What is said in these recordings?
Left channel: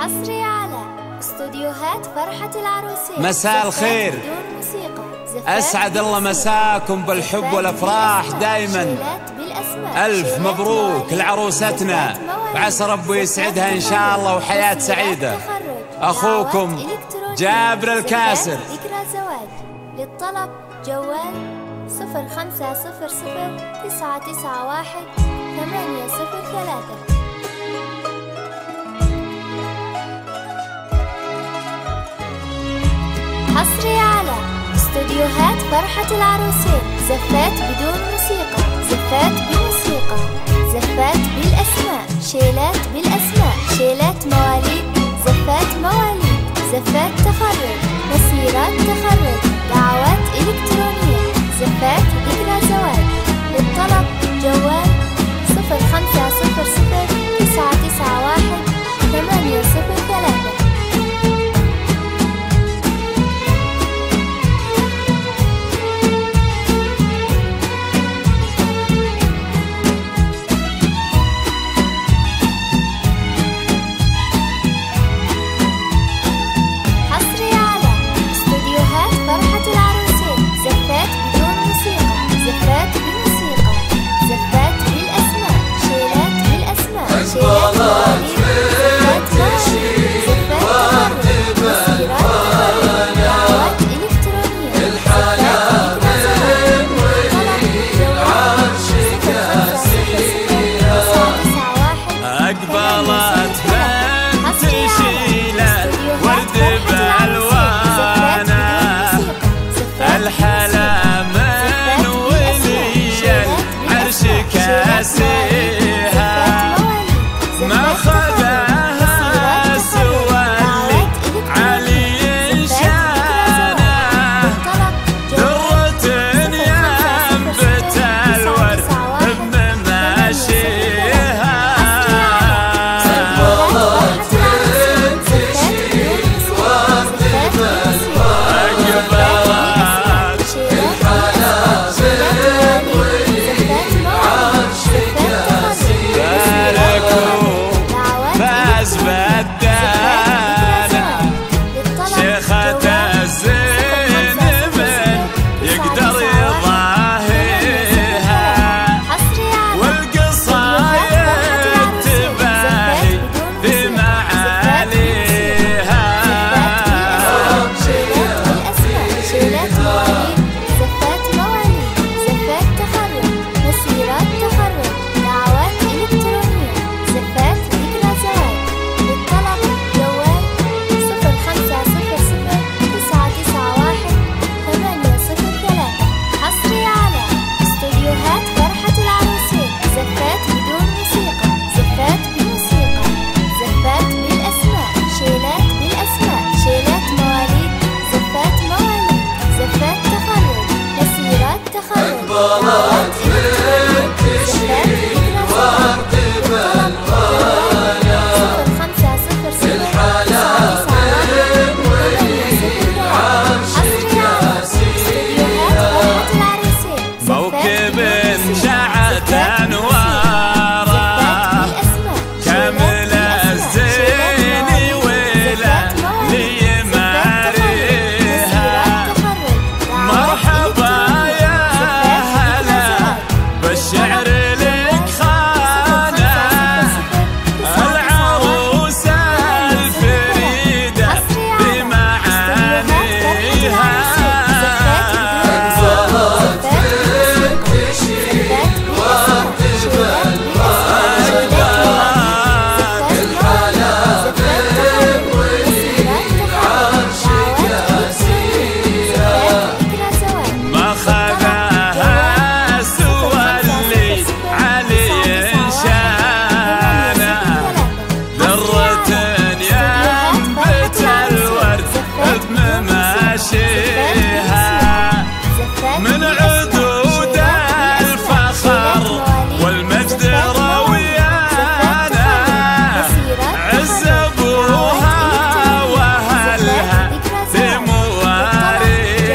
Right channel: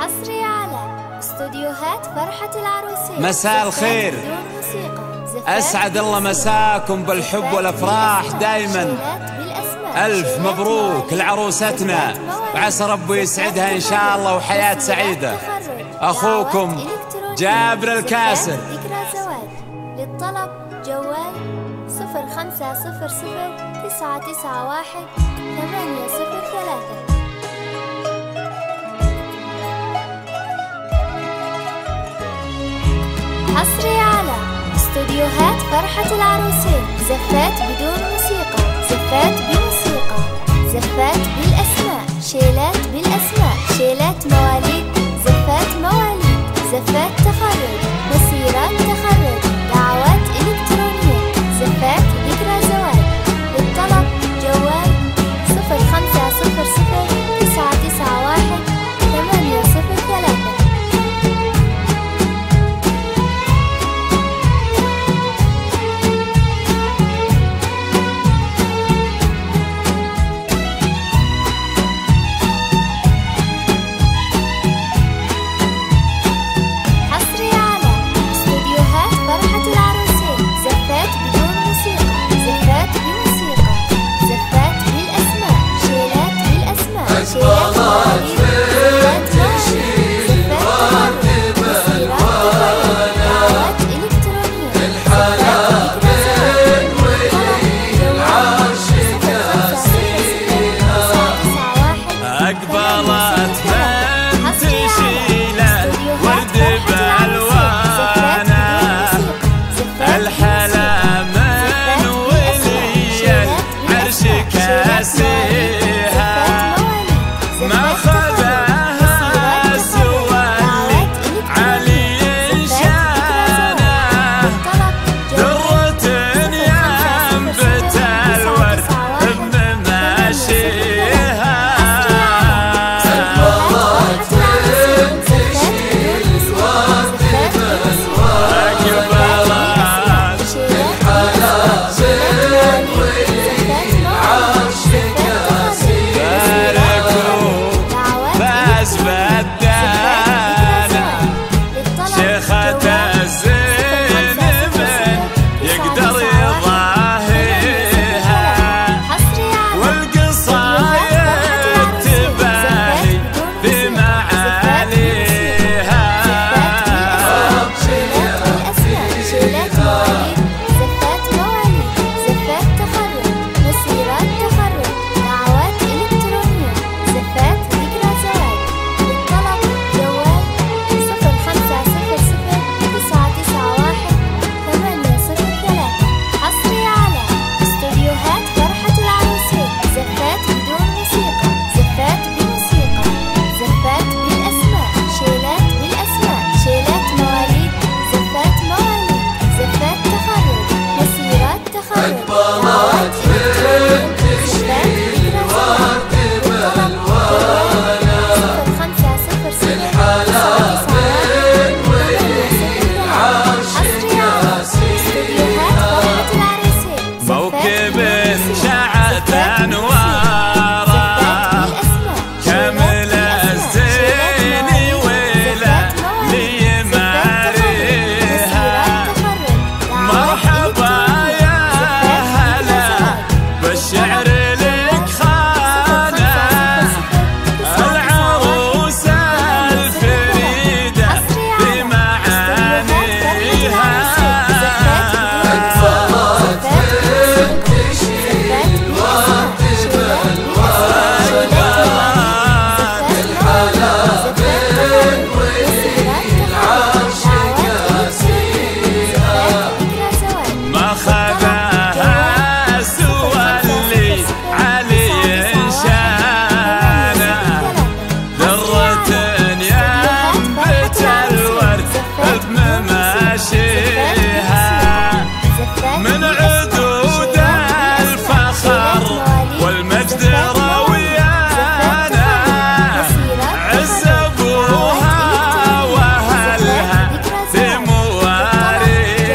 حصري على استوديوهات فرحة العروسين. مساء الخير، أسعد الله مساكم بالحب والأفراح دايما. ألف مبروك لعروستنا، وعسى ربي يسعدها إن شاء الله وحياة سعيدة. أخوكم جابر الكاسر. ذكرى زواج. للطلب جوال 0500-991-803. حصري على استوديوهات فرحة العروسين. زفات بدون موسيقى، زفات بموسيقى، زفات بالأسماء، شيلات بالأسماء، شيلات مواليد، زفات مواليد، زفات تخرج، مسيرات تخرج، دعوات إلكترونية، زفات ذكرى زواج. للطلب جوال 0500-991-803. فرحة العروسين. زفات بدون موسيقى، زفات بموسيقى، زفات بالأسماء، شيلات بالأسماء، شيلات مواليد، زفات مواليد، زفات تخرج، مسيرات تخرج، دعوات إلكترونية، زفات ذكرى زواج. للطلب جوال 0500-991. أقبلت بنت شيلة ورد بألوانه، الحلا من ولي العرش كاسيها، ما خذاها سوى اللي علي شانه، درة ينبت الورد بمماشيها. فاز بدانا شيخة الزين من يقدر يضاهيها، والقصايد تباهي بمعاليها. شيلات بالأسماء، شيلات مواليد، زفات مواليد، زفات تخرج، مسيرات تخرج، دعوات إلكترونية، زفات ذكرى زواج. للطلب جوال 0500-991-803. حصري على استوديوهات فرحة العروسين. زفات بدون موسيقى، زفات بموسيقى، زفات بالأسماء، شيلات بالأسماء، شيلات مواليد، زفات مواليد، زفات تخرج، مسيرات تخرج، دعوات إلكترونية، زفات ذكرى زواج. للطلب جوال 0500-991-803. حصري على استوديوهات فرحة العروسين. موكب شعت أنواره كامل الزين ولا ليماريها، مرحبا يا هلا بالشعر لك خانه، العروسة الفريدة بمعانيها. ما خذاها سوى اللي علي شانه، درة ينبت الورد بمماشيها، من عدود الفخر والمجد رويانا، عز ابوها واهلها في مواريها.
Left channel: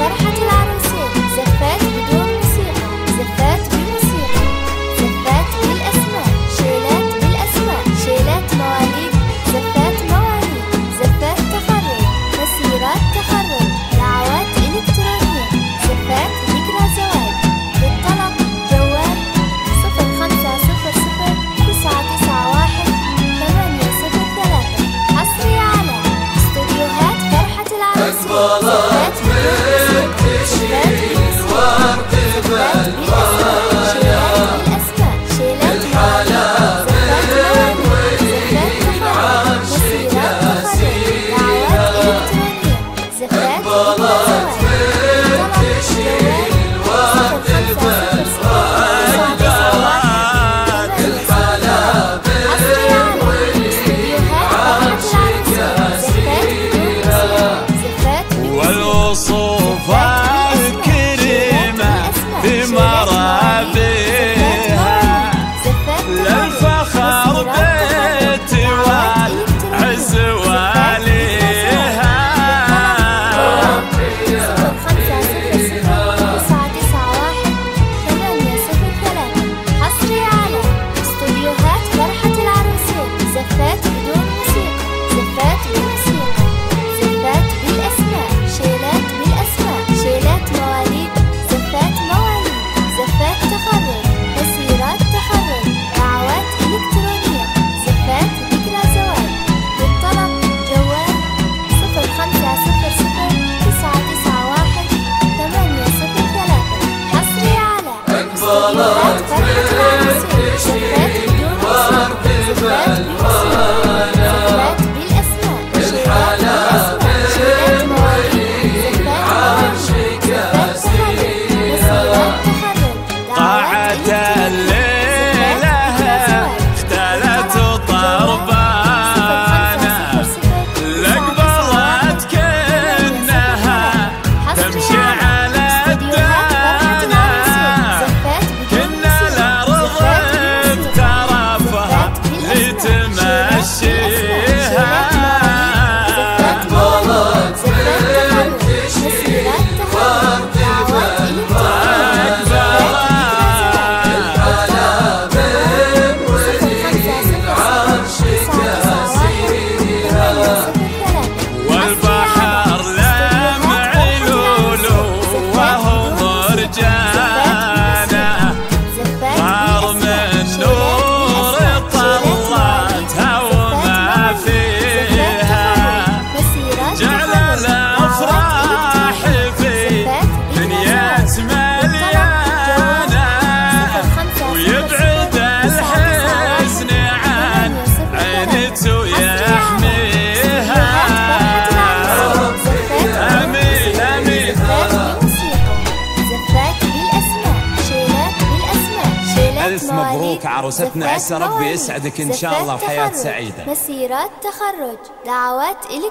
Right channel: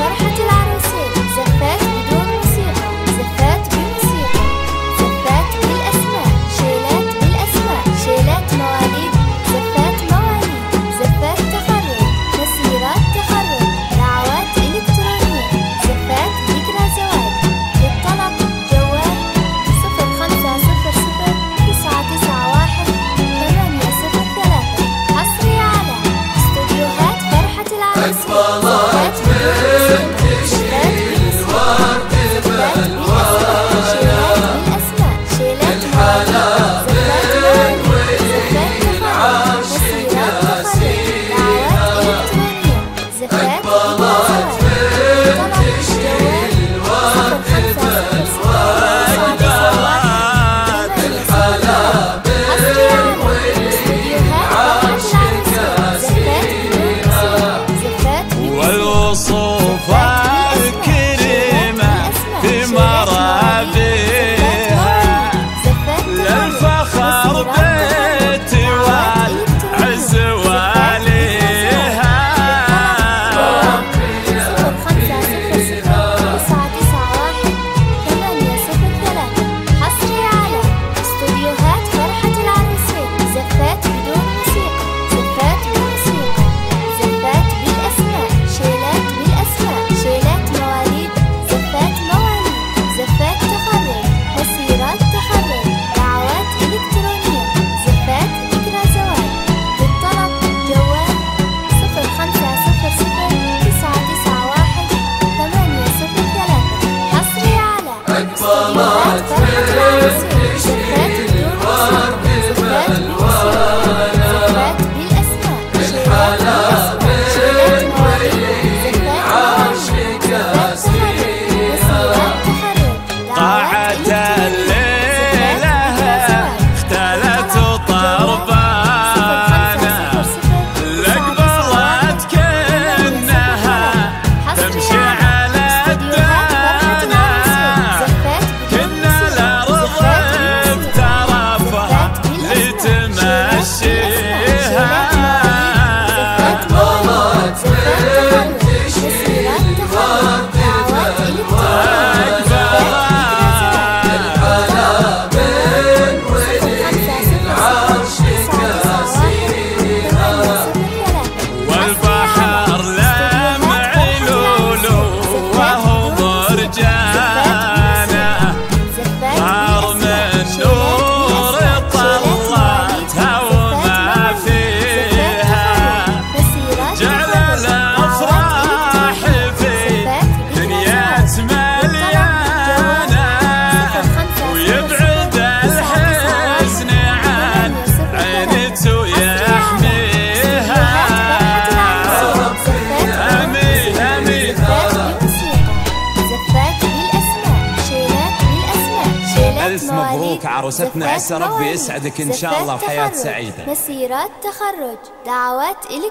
فرحة العروسين. زفات مواليد، زفات مواليد، زفات تخرج، مسيرات تخرج، دعوات إلكترونية، زفات ذكرى زواج. للطلب جوال 0500-991-803. حصري على استوديوهات فرحة العروسين. زفات بدون موسيقى، زفات بموسيقى، زفات بالأسماء، شيلات بالأسماء، شيلات مواليد، زفات مواليد، زفات تخرج، مسيرات تخرج، دعوات إلكترونية، زفات ذكرى زواج. طلب جوال 0500-991-803. حصري على استوديوهات فرحة العروسين. زفات بدون موسيقى، زفات بموسيقى، والوصوف الكريمة في مرابيها، للفخر بيت والعز واليها. 0500-991-803. حصري على استوديوهات فرحة العروسين. زفات بدون موسيقى، زفات بموسيقى، زفات بالأسماء، شيلات بالأسماء، شيلات مواليد، زفات مواليد، زفات تخرج، مسيرات تخرج، دعوات إلكترونية، زفات ذكرى زواج. للطلب جوال 0500-991-803. حصري على استوديوهات فرحة العروسين. زفات بدون موسيقى، زفات بموسيقى، زفات بالأسماء، شيلات بالأسماء، شيلات مواليد، زفات مواليد، زفات تخرج، مسيرات تخرج، دعوات الليلة اختلت طربانا، لقبلت كأنها تمشي على الدانا، كنا الأرض بترفها لتمشيها. زفات مواليد، زفات تخرج، مسيرات تخرج، دعوات إلكترونية، زفات والبحر لمع لولو وهو مرجانة، صار من نور طلتها وما فيها، جعل الأفراح في دنيا مليانة، ويبعد الحزن عن عينته ويحميها. آمين آمين. زفات بموسيقى، زفات بالأسماء، شيلات بالأسماء، شيلات ألف مبروك عروستنا، عسى ربي يسعدك إن شاء الله وحياة سعيدة. مسيرات تخرج، دعوات إلكترونية.